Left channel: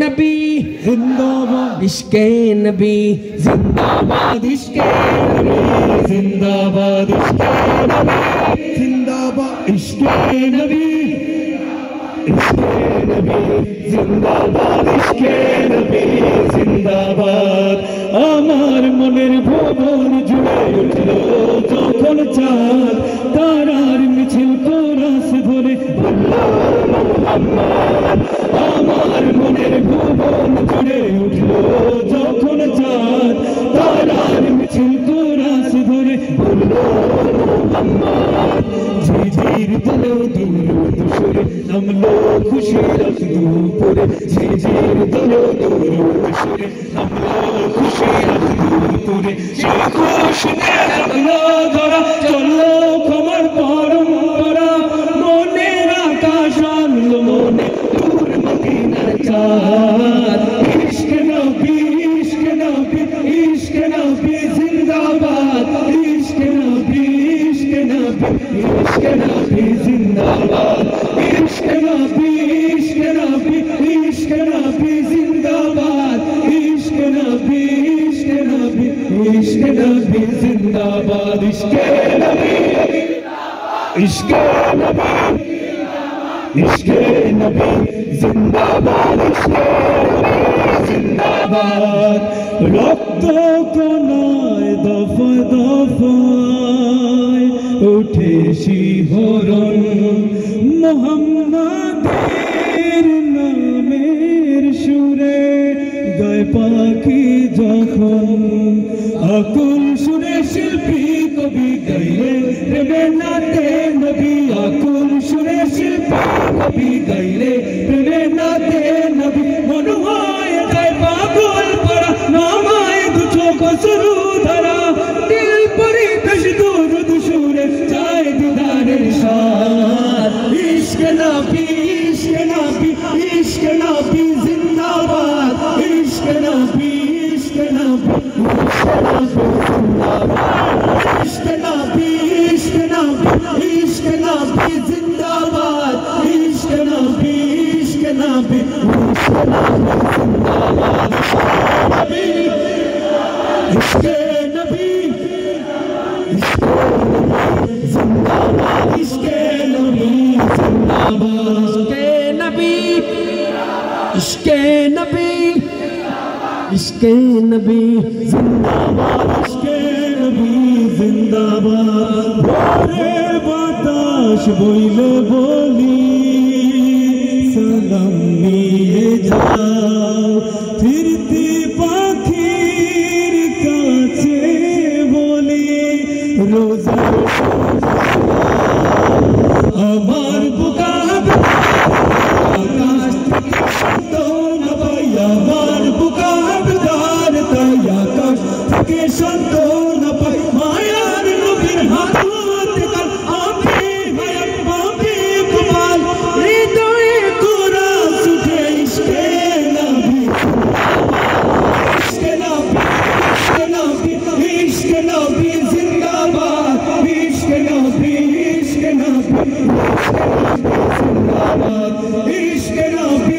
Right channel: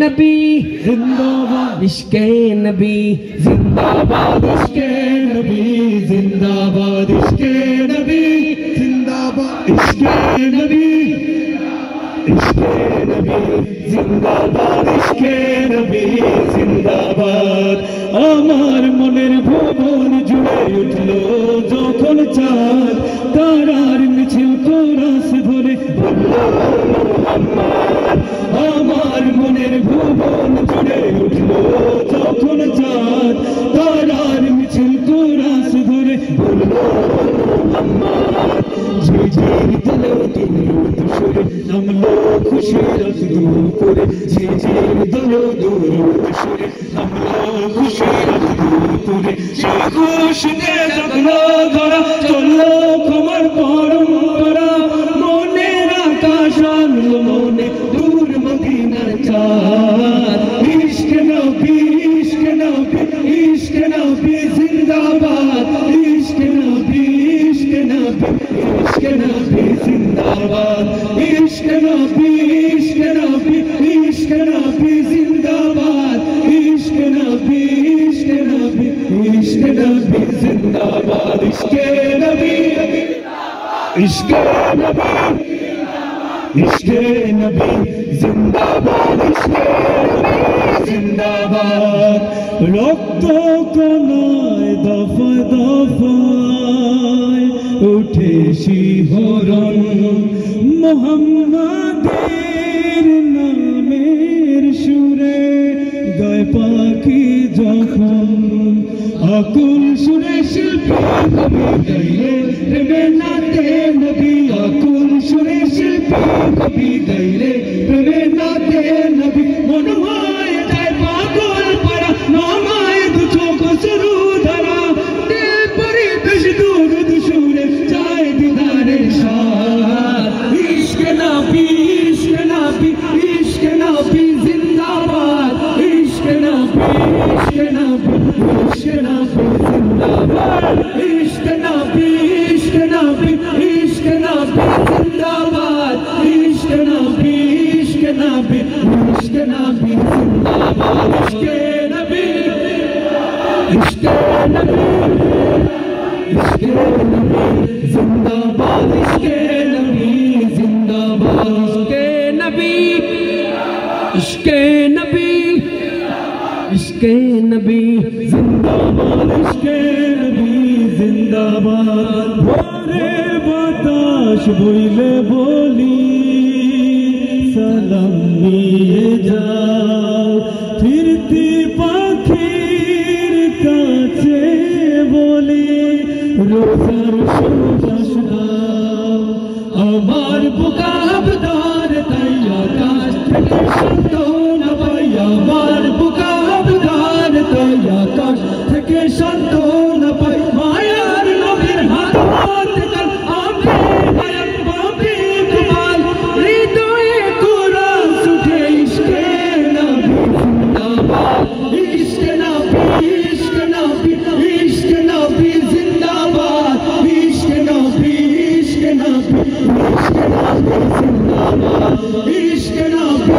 नबी जिंदाबाद इश्के नबी जिंदाबाद इश्के नबी जिंदाबाद इश्के नबी जिंदाबाद इश्के नबी जिंदाबाद इश्के नबी जिंदाबाद আমার মনের ভুবন জুড়ে উঠলো যখন চাঁদ তারার মিছিল কোরাস ধরে বললো মুহাম্মদ আমার মনের ভুবন জুড়ে উঠলো যখন চাঁদ তারার মিছিল কোরাস ধরে বললো মুহাম্মদ ঝিঝির দিলো দুরুদ সুরে নামলো খুশির আখদু করে ঝিঝির দিলো দুরুদ সুরে নামলো খুশির আখদু করে সেই খুশিতে রাখলো ধরা চললো খবর পরম্পরা মনের আকাশ আনলো মনে দূর মদিনার চাঁদ ইশক নবী ইশক নবী ইশক নবী জিন্দাবাদ ইশক নবী ইশক নবী इश्क नबी जिंदाबाद इश्क नबी इश्क नबी इश्क नबी जिंदाबाद इश्क नबी इश्क नबी इश्क नबी जिंदाबाद इश्क नबी इश्क नबी इश्क नबी जिंदाबाद इश्क जिंदाबाद रक्त कनाय दफा दफाय उठे शिहरণ মোহাম্মদের নামের সুরে গায় পাখি যখন আকুল সুরে শিল্পী কবি গাইলে প্রেমে নাতে নবী আকুল সুরে শিল্পী কবি গাইলে প্রেমে নাতে নবী মন হয় যায় পাগল পারা নামায় দু চোখ শুরু ধরা দিল পরি দশ দূর দুসুরে চায় দিদারের সাথ ইশক নবী ইশক নবী ইশক নবী জিন্দাবাদ ইশক নবী ইশক নবী ইশক নবী জিন্দাবাদ ইশক নবী জিন্দাবাদ ইশক নবী ইশক নবী জিন্দাবাদ इश्क नबी जिंदाबाद इश्क नबी जिंदाबाद इश्क नबी इश्क नबी जिंदाबाद इश्क नबी जिंदाबाद भोरे बाताश बोले बोली सलाम निये जाओ फिरती पाखिर काछे बोली रोजा আমার বুকা আকাশ থেকে শব্দ না পাই আমার বুকা বিধার তাই আকাশ থেকে শব্দ না পাই মায়ার নবীর হাত হতে কাল আপে গায়ক পাপি কুমাল হৃদয়ে কোরআন উঠে ইশকে নবী ইশকে নবী ইশকে নবী জিন্দাবাদ ইশকে নবী ইশকে নবী इश्क नबी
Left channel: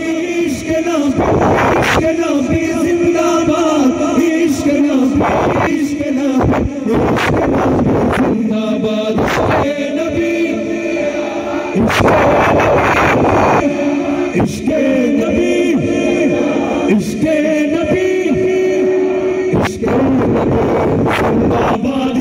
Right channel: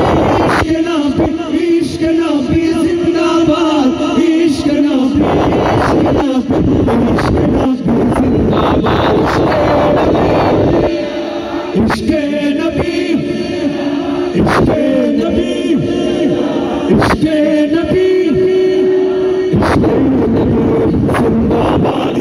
इश्क नबी जिंदाबाद इश्क नबी जिंदाबाद इश्क नबी इश्क नबी जिंदाबाद